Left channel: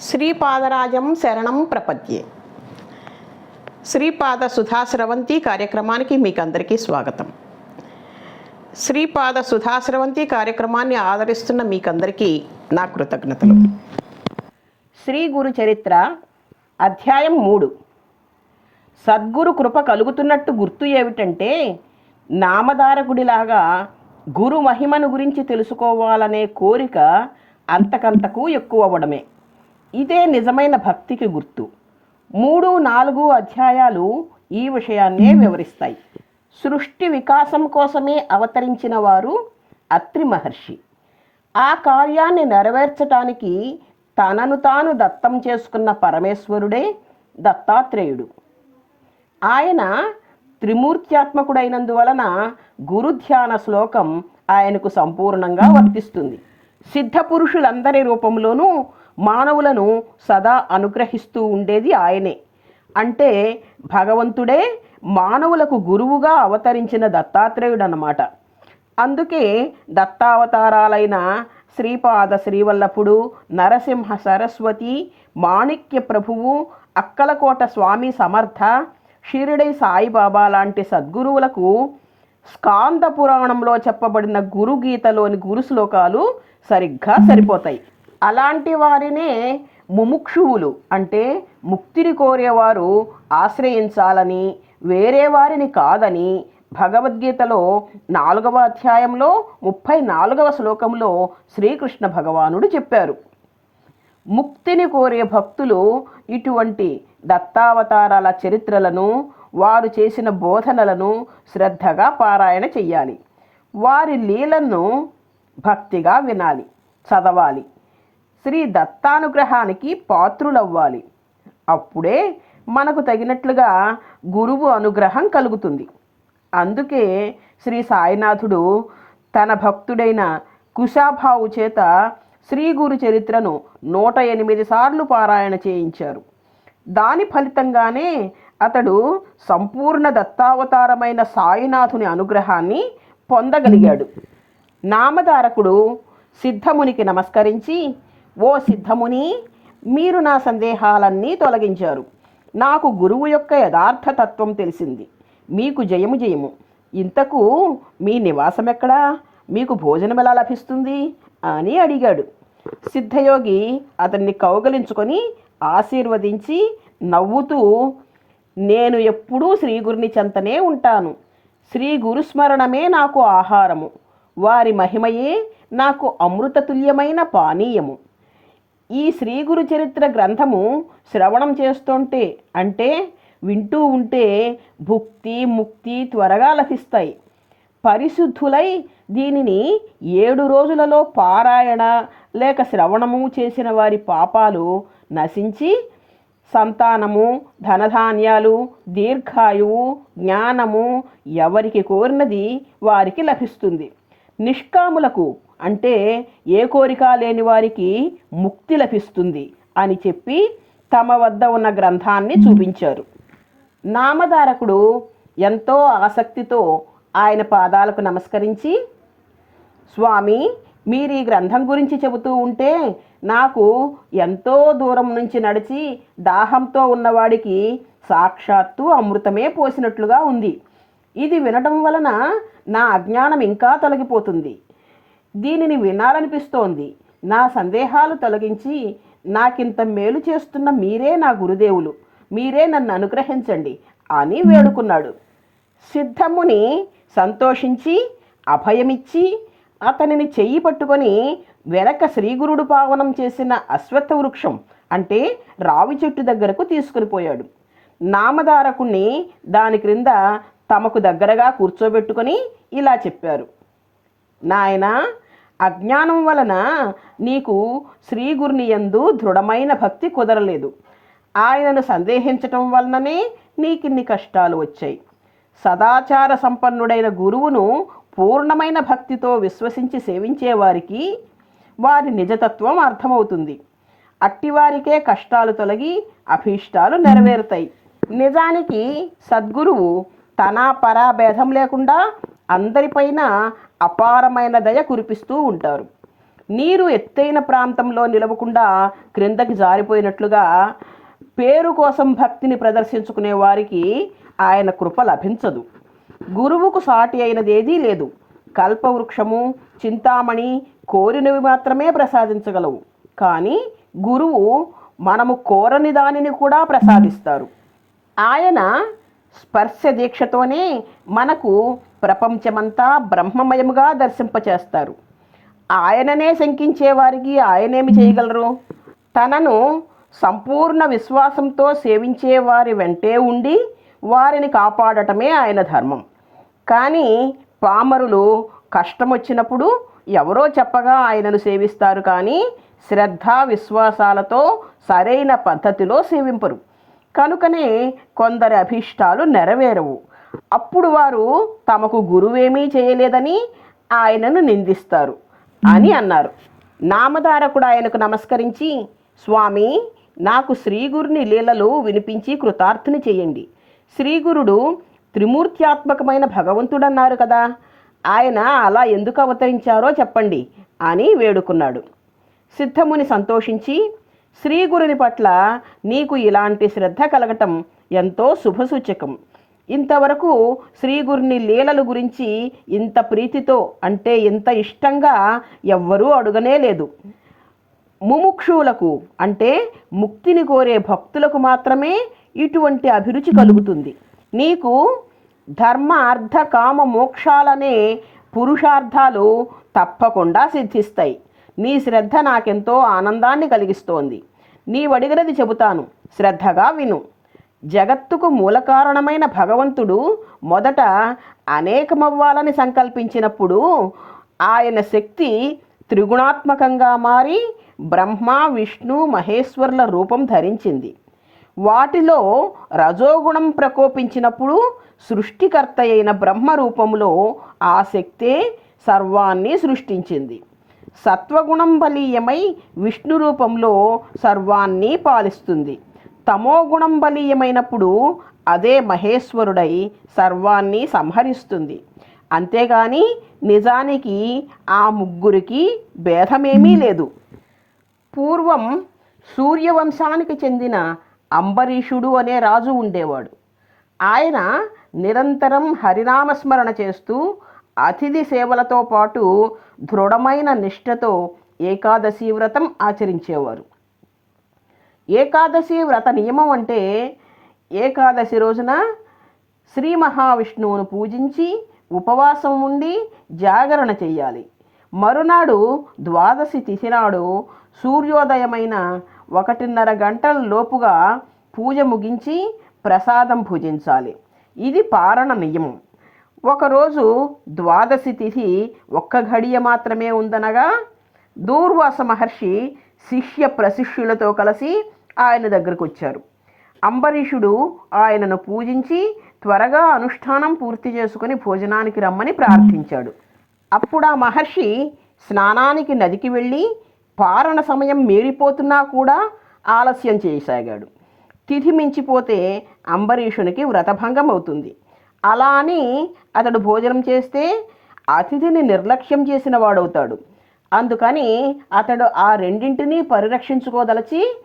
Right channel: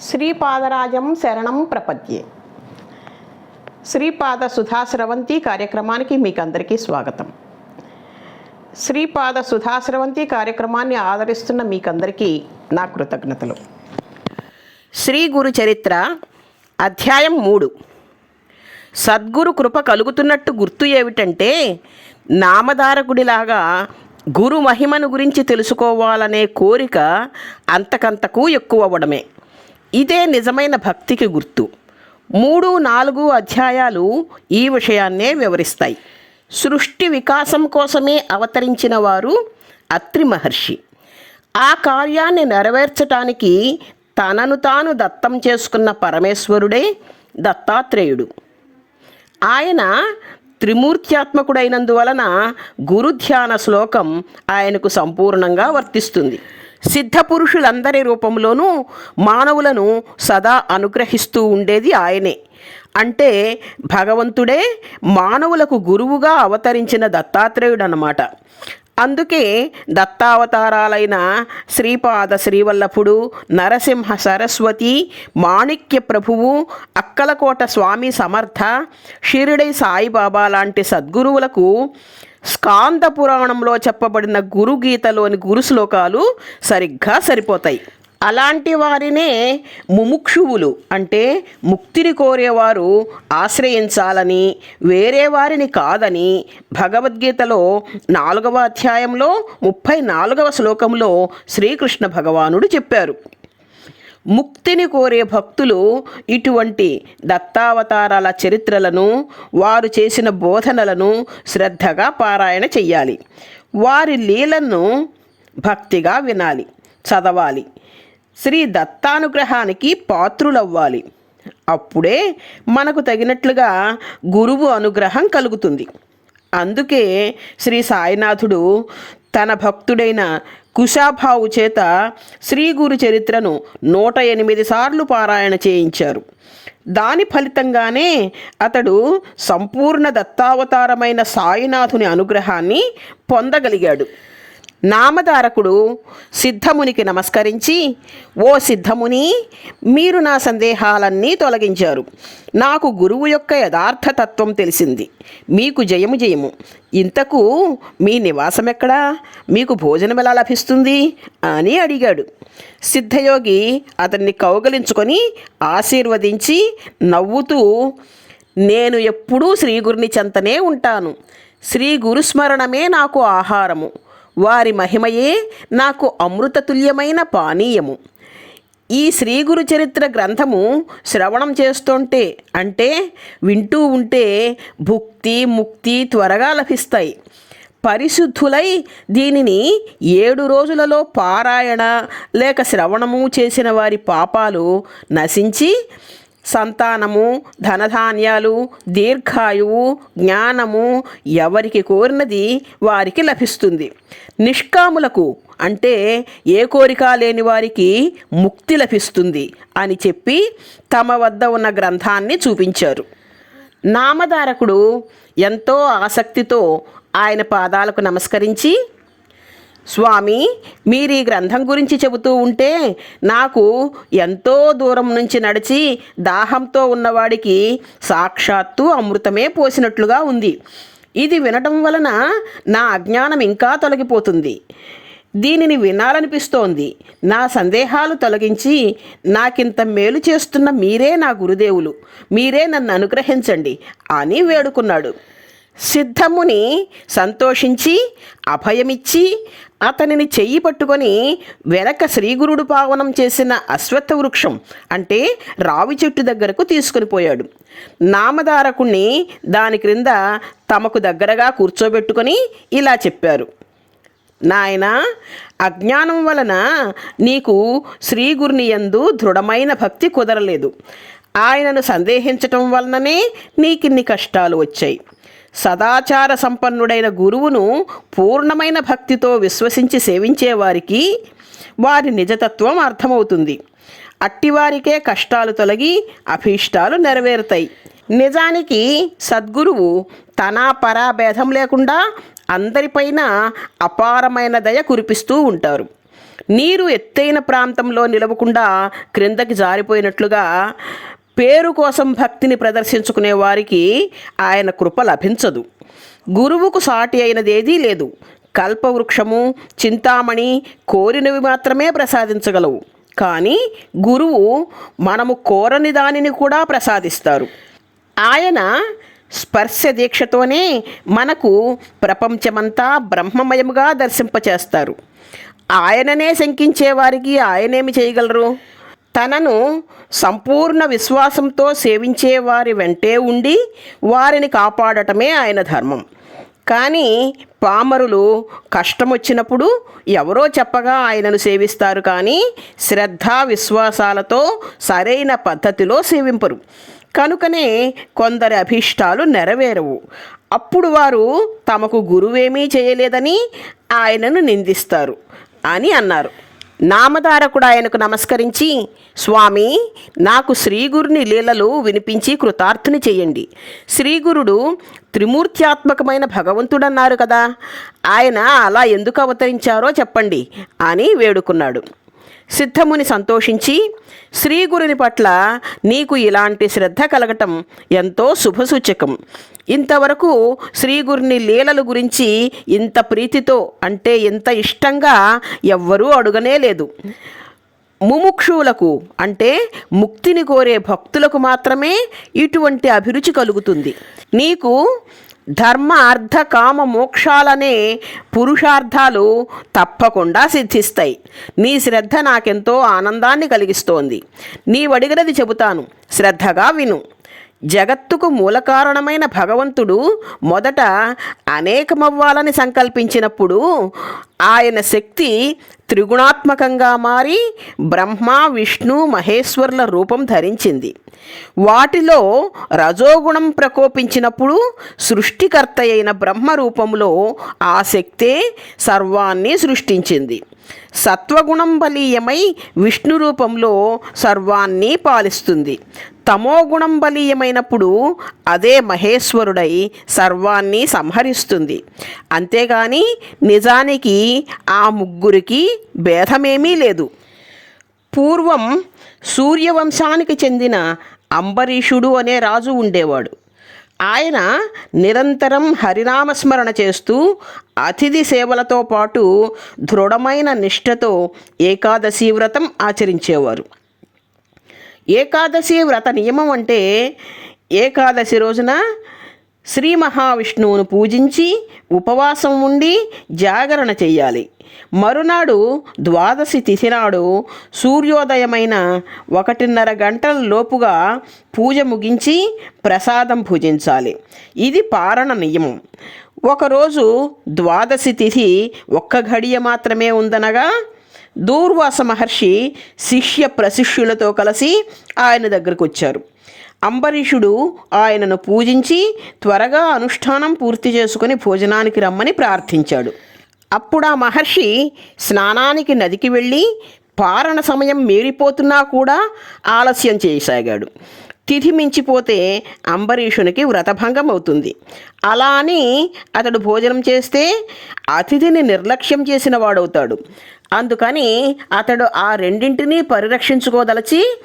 శ్రీపాదరాజం శరణం ప్రపద్యే. శ్రీపాద సుధాశ్రవంతి కార్యక్రమానికి మీకు అందరికీ స్వాగతం. శ్రీపాద సుధాశ్రవంతి కార్యక్రమాన్ని ఆదరిస్తున్న మీకందరికీ నా కృతజ్ఞతలు. శ్రీ గురు చరిత్ర అధ్యాయం మూడు. సద్గురు కృప కలుగుతున్నట్టు గుర్తు ఏమిటంటే నామధారకుడిలాగా గురు మహిమను గురించి తెలుసుకోవాలనే కోరిక అంతకంతకు ఎక్కువ అవ్వడమే. ఇదే నిజమైన భక్తికి గుర్తు. మూడు నాలుగు అధ్యాయాలు ఈ విషయాన్నే వివరిస్తాయి. సృష్టి వికాసం కోసమే అవతరించిన వారు అత్రి మహర్షి. ఆ కార్యాన్ని నెరవేర్చటానికి తనను తాను దత్తం చేసుకున్న పరమేశ్వరుడే దత్తాత్రేయుడు. ఆయన త్రిమూర్త్యాత్మకుడైనందువలన గురుధ్యాన శ్లోకం ఆయనకు సంపూర్ణంగా వర్తిస్తుంది. సిద్ధ పురుషులందరి రూపంలోనూ మానవులను సదా అనుగ్రహిస్తూ ఉండేది ఆయనే. అంటే భగవంతుడే మానవులకు గురువుగా అవతరించిన దత్తాత్రేయుడు అన్నమాట అందుకే దత్తావతారాలైన శ్రీపాద శ్రీవల్లభుడు నరసింహ సరస్వతి మాణిక్య ప్రభువు అక్కలకోట స్వామి సమర్థ షిరిడై సాయిబాబా లాంటి సద్గురువులకు స్కాంద పురాణంలో చెప్పబడిన గురుగీతలోని గురు శ్లోకాలు సరిగ్గా సరిపోతాయి. అలాంటి వారినే ముముక్షువులు అంటే ముక్తిని కోరేవారు ఆశ్రయించాలని వేరే వారిని కాదని భగవద్గీతలో నాలుగవ అధ్యాయంలో ముప్పై నాలుగవ శ్లోకంలో శ్రీకృష్ణ భగవానుడు చెప్పారు. ముక్తిని కోరే భక్తులు ఇటువంటి దత్తావతారాల చరిత్రలను వారు చేసిన బోధనలను శ్రద్ధగా పారాయణ చెయ్యాలి. వారి లీలను భక్తిగా వినాలి చదవాలి. శ్రీ దత్తానుగ్రహానికి పాత్రులవ్వాలి. అప్పుడే మనకు తగినట్లుగా గురువు అనుగ్రహం కలుగుతుంది. అందుకే శ్రీ సాయినాథుడు తన భక్తుడైన కుశాభావు చేత శ్రీ గురు చరిత్రను నూట ఎనిమిది సార్లు పారాయణ చేయించారు. దాని ఫలితంగానే అతడు సంపూర్ణ దత్తావతారమైన సాయినాథుని అనుగ్రహాన్ని పొందగలిగాడు. నామధారకుడు సిద్ధమునికి నమస్కరించి ఓ సిద్ధముని మీరు నా సందేహాలన్నీ తొలగించారు. నాకు గురువు యొక్క యథార్థ తత్వం తెలిసింది. మీకు జయము జయము. ఇంతకు మీ నివాసం ఎక్కడా మీకు భోజనం ఎలా లభిస్తుంది? అని అడిగాడు. సిద్ధయోగి అతన్ని కౌగలించుకొని ఆశీర్వదించి నవ్వుతూ నేను ఎప్పుడూ శ్రీ గురుని చెంతనే ఉంటాను. శ్రీ గురుస్మరణమే నాకు ఆహారము. వారి మహిమయే నాకు అమృతతుల్యమైన పానీయము. ఈ శ్రీ గురు చరిత్ర గ్రంథము శ్రవణం చేస్తుంటే అంటే వింటూ ఉంటే భుక్తి ముక్తి త్వరగా లభిస్తాయి. పరిశుద్ధులై దీనిని ఏడు రోజులలో పారాయణ లేక శ్రవణము చేసిన వారి పాపాలు నశించి సంతానము ధనధాన్యాలు దీర్ఘాయువు జ్ఞానము ఎవరికి కోరినది వారికి లభిస్తుంది. నిష్కాములకు అంటే ఏ కోరిక లేని వారికి ముక్తి లభిస్తుంది అని చెప్పి తమ వద్ద ఉన్న గ్రంథాన్ని చూపించారు. నామధారకుడు ఎంతో ఆసక్తితో ఆయన పాదాలకు నమస్కరించి స్వామి మీరు ఈ గ్రంథం గురించి చెబుతూ ఉంటే నాకు ఎంతో దూరం నుంచి నడిచి దాహంతో ఉన్నవాడికి సాక్షాత్తు అమృతమే పోసినట్లుగా ఉంది. ఇది వినటం వలన నా అజ్ఞానం ఇంకా తొలగిపోతుంది. దీనిని వినాలనిపిస్తోంది. నా సందేహాలు తొలగించి నాకింత మేలు చేస్తున్న మీరే నా గురుదేవులు. మీరే నన్ను అనుగ్రహించండి అని వేడుకున్నాడు. సిద్ధముని సంతోషించి అభయమిచ్చి అతనిని చెయ్యి పట్టుకొని వెనక శ్రీగురుడు పావనం చేసిన అశ్వత్థ వృక్షం అంటే రావి చెట్టు దగ్గరకు తీసుకుని పోయాడు. నామధారకుణ్ణి దాని క్రింద తమకు దగ్గరగా కూర్చోబెట్టుకొని ఇలా చెప్పారు. నాయన అజ్ఞానం వలన నీకు శ్రీగురుని యందు దృఢమైన భక్తి కుదరలేదు. ఆయనను సందేహించటం వలననే నీకిన్ని కష్టాలు వచ్చాయి. సదాచార సంపన్నుడైన గురువును పూర్ణమైన భక్తితో విశ్వసించి సేవించేవారికి వారి నిజతత్వం అర్థమవుతుంది. అట్టివారికే కష్టాలు తొలగి అభీష్టాలు నెరవేరుతాయి. నిజానికి సద్గురువు తన పరాభేదం లేకుండా అందరిపైన అపారమైన దయ కురిపిస్తూ ఉంటారు. నీరు ఎత్తైన ప్రాంతంలో నిలవకుండా క్రిందకి జారిపోయినట్లుగా పేరు కోసం భక్తిని ప్రదర్శించుకునే వారికి ఆయన కృప లభించదు. గురువుకు సాటి అయినదేదీ లేదు. కల్పవృక్షము చింతామణి కోరినవి మాత్రమే ప్రసాదించగలవు. కానీ గురువు మనము కోరని దానిని కూడా ప్రసాదిస్తారు. ఆయన స్పర్శ దీక్షతోనే మనకు ప్రపంచమంతా బ్రహ్మమయముగా దర్శింపచేస్తారు. ఆయననే శంకించే వారికి ఆయనేమి చేయగలరు? తనను సంపూర్ణ విశ్వాసంతో సేవించే వారి వెంటే ఉండి వారిని కాపాడటమే ఆయన ధర్మం. కానీ పామరులు కష్టం వచ్చినప్పుడు ఎవరో చెప్పగా ఆయనను సేవిస్తారు కానీ శ్రద్ధ విశ్వాసాలతో సరైన పద్ధతిలో సేవింపరు. కనుకనే కొందరి అభీష్టాలు నెరవేరవు. అప్పుడు వారు తమకు గురువేమీ చేయలేదని ఆయనను నిందిస్తారు అని అన్నారు. నామధారకుడు ఆయనకు నమస్కరించి స్వామి నాకు శ్రీగురుని లీలలు వినిపించి కృతార్థుని చేయండి. శ్రీగురుడు త్రిమూర్త్యాత్మకమైన భగవంతుడన్నారు కదా. ఆయన అలా ఎందుకు అవతరించారో చెప్పండి అని వేడుకున్నాడు. సిద్ధముని సంతోషించి శ్రీగురుని పట్ల నీకు ఇలాంటి శ్రద్ధ కలగటం ఎంతో శుభసూచకం. ఇంతవరకు శ్రీగురుని లీలల గురించి ఇంత ప్రీతితో అంటే ఇంత ఇష్టంగా ఎవ్వరూ అడుగనే లేదు. ముముక్షువులకు అంటే ముక్తిని కోరే భక్తులకు మాత్రమే ఇటువంటి అభిరుచి కలుగుతుంది. నీకు ధర్మ అర్థ కామ మోక్షాలనే పురుషార్థాలు తప్పకుండా సిద్ధిస్తాయి. నీ శ్రద్ధ నాకెంతో ఆనందాన్ని కలిగిస్తోంది. నీవడిగినది చెబుతాను. శ్రద్ధగా విను. జగత్తుకు మూలకారణమైన భగవంతుడు మొదట అనేకమవ్వాలని సంకల్పించినప్పుడు ఆయన శక్తి త్రిగుణాత్మకంగా మారి బ్రహ్మ విష్ణు మహేశ్వరుల రూపం ధరించింది. వాటిలో రజోగుణం ప్రకోపించినప్పుడు సృష్టికర్త అయిన బ్రహ్మ రూపంలో ఆ శక్తే సర్వాన్ని సృష్టించింది. సత్వగుణం బలీయమై విష్ణు రూపంలో సర్వాన్ని పాలిస్తుంది. తమోగుణం బలీయమైనప్పుడు అదే మహేశ్వరుడై సర్వాన్ని సంహరిస్తుంది. అంతేగాని నిజానికి ఆ ముగ్గురికి భేదమేమీ లేదు. పూర్వం సూర్యవంశానికి చెందిన అంబరీషుడు అనే రాజు ఉండేవాడు. ఆయన నిరంతరం హరినామస్మరణ చేస్తూ అతిథి సేవలతో పాటు దృఢమైన నిష్ఠతో ఏకాదశి వ్రతం ఆచరించేవారు. ఏకాదశి వ్రత నియమం అంటే ఏకాదశి రోజున శ్రీ మహావిష్ణువును పూజించి ఉపవాసం ఉండి జాగరణ చేయాలి. మరునాడు ద్వాదశి తిథి నాడు సూర్యోదయమైన ఒకటిన్నర గంటల లోపుగా పూజ ముగించి ప్రసాదం భుజించాలి ఇది పారణ నియమం. ఒకరోజు ద్వాదశి తిథి ఒక్క ఘడియ మాత్రమే ఉందనగా దూర్వాస మహర్షి శిష్య ప్రశిష్యులతో కలిసి ఆయన దగ్గరకు వచ్చారు. అంబరీషుడు ఆయనను పూజించి త్వరగా అనుష్ఠానం పూర్తి చేసుకుని భోజనానికి రమ్మని ప్రార్థించాడు. అప్పుడు ఆ మహర్షి స్నానానికి నదికి వెళ్ళి పారణ సమయం మీరిపోతున్నా కూడా ఆలస్యం చేయసాగాడు. తిథి మించిపోతే అంబరీషునికి వ్రతభంగం అవుతుంది. అలా అని అతడు భోజనం చేస్తే అతిథిని నిర్లక్ష్యం చేసిన వాడవుతాడు. అందుకని అతడు ఆ రెండింటినీ పరిరక్షించుకోదలచి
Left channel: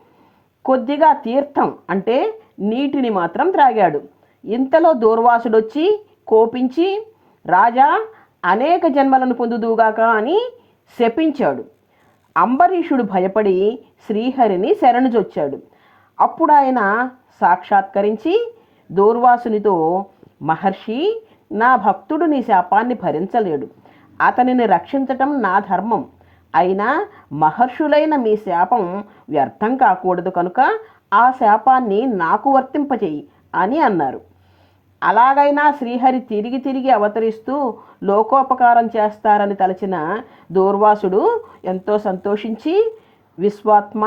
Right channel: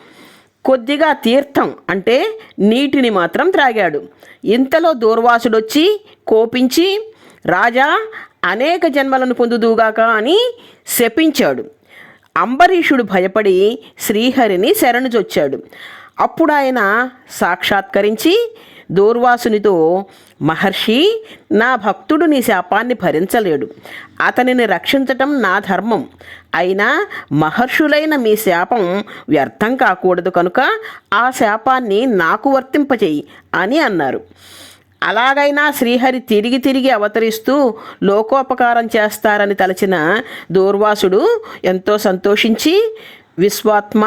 కొద్దిగా తీర్థం అంటే నీటిని మాత్రం త్రాగాడు. ఇంతలో దూర్వాసుడొచ్చి కోపించి రాజా అనేక జన్మలను పొందుదుగాక అని శపించాడు. అంబరీషుడు భయపడి శ్రీహరిని శరణుజొచ్చాడు. అప్పుడు ఆయన సాక్షాత్కరించి దూర్వాసునితో మహర్షి నా భక్తుడు నీ శాపాన్ని భరించలేడు. అతనిని రక్షించటం నా ధర్మం. అయినా మహర్షులైన మీ శాపం వ్యర్థం కాకూడదు కనుక ఆ శాపాన్ని నాకు వర్తింపచేయి అని అన్నారు. అలాగైనా శ్రీహరి తిరిగి తిరిగి అవతరిస్తూ లోకోపకారం చేస్తారని తలచిన దూర్వాసుడు ఎంతో సంతోషించి విశ్వాత్మ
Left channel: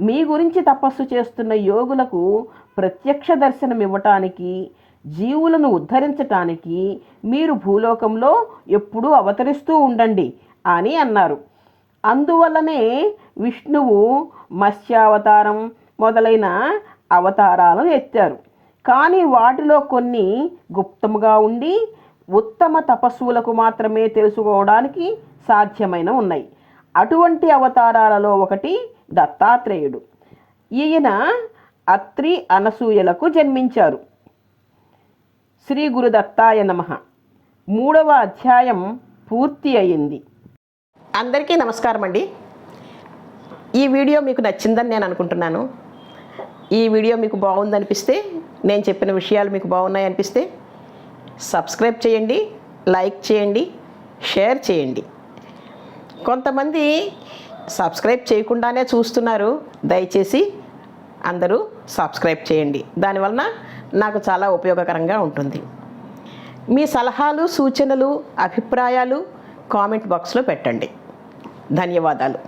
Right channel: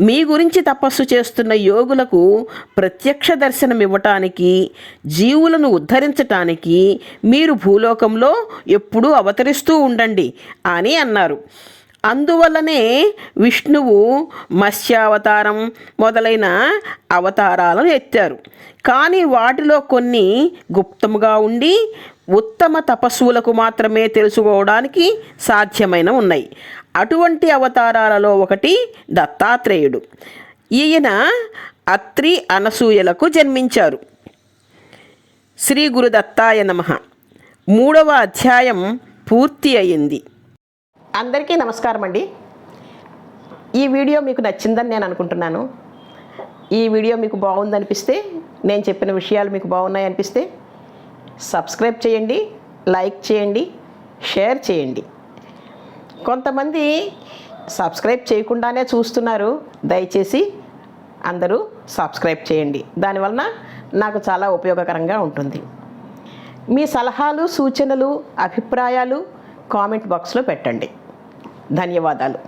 మీ గురించి తపస్సు చేస్తున్న యోగులకు ప్రత్యక్ష దర్శనం ఇవ్వటానికి జీవులను ఉద్ధరించటానికి మీరు భూలోకంలో ఎప్పుడూ అవతరిస్తూ ఉండండి అని అన్నారు. అందువల్లనే విష్ణువు మత్స్యావతారం మొదలైన అవతారాలను ఎత్తారు. కానీ వాటిలో కొన్ని గుప్తముగా ఉండి ఉత్తమ తపస్సులకు మాత్రమే తెలుసుకోవడానికి సాధ్యమైన ఉన్నాయి. అటువంటి అవతారాలలో ఒకటి దత్తాత్రేయుడు. ఈయన అత్రి అనసూయలకు జన్మించారు. శ్రీ గురు దత్తాయ నమ. మూడవ అధ్యాయం పూర్తి అయింది. అందరికీ నమస్కారం అండి. ఈ వీడియో మీకు నచ్చిందని నేను అనుకుంటున్నాను. ఈ వీడియో మీకు బాగుందనిపిస్తే నేను చెప్పిన విషయాలు మీకు బాగున్నాయి అనిపిస్తే సబ్స్క్రైబ్ చేయండి లైక్ చేయండి షేర్ చేయండి. కొంతమంది సబ్స్క్రైబ్ చేయకుండానే చూస్తున్నారు. దయచేసి అందరూ సబ్స్క్రైబ్ చేయండి. దానివలన నాకు చాలా ఉపయోగకరంగా ఉంటుంది. మీ సలహాలు సూచనలు అభిప్రాయాలు కామెంట్ బాక్స్లో పెట్టండి. ధన్యవాదాలు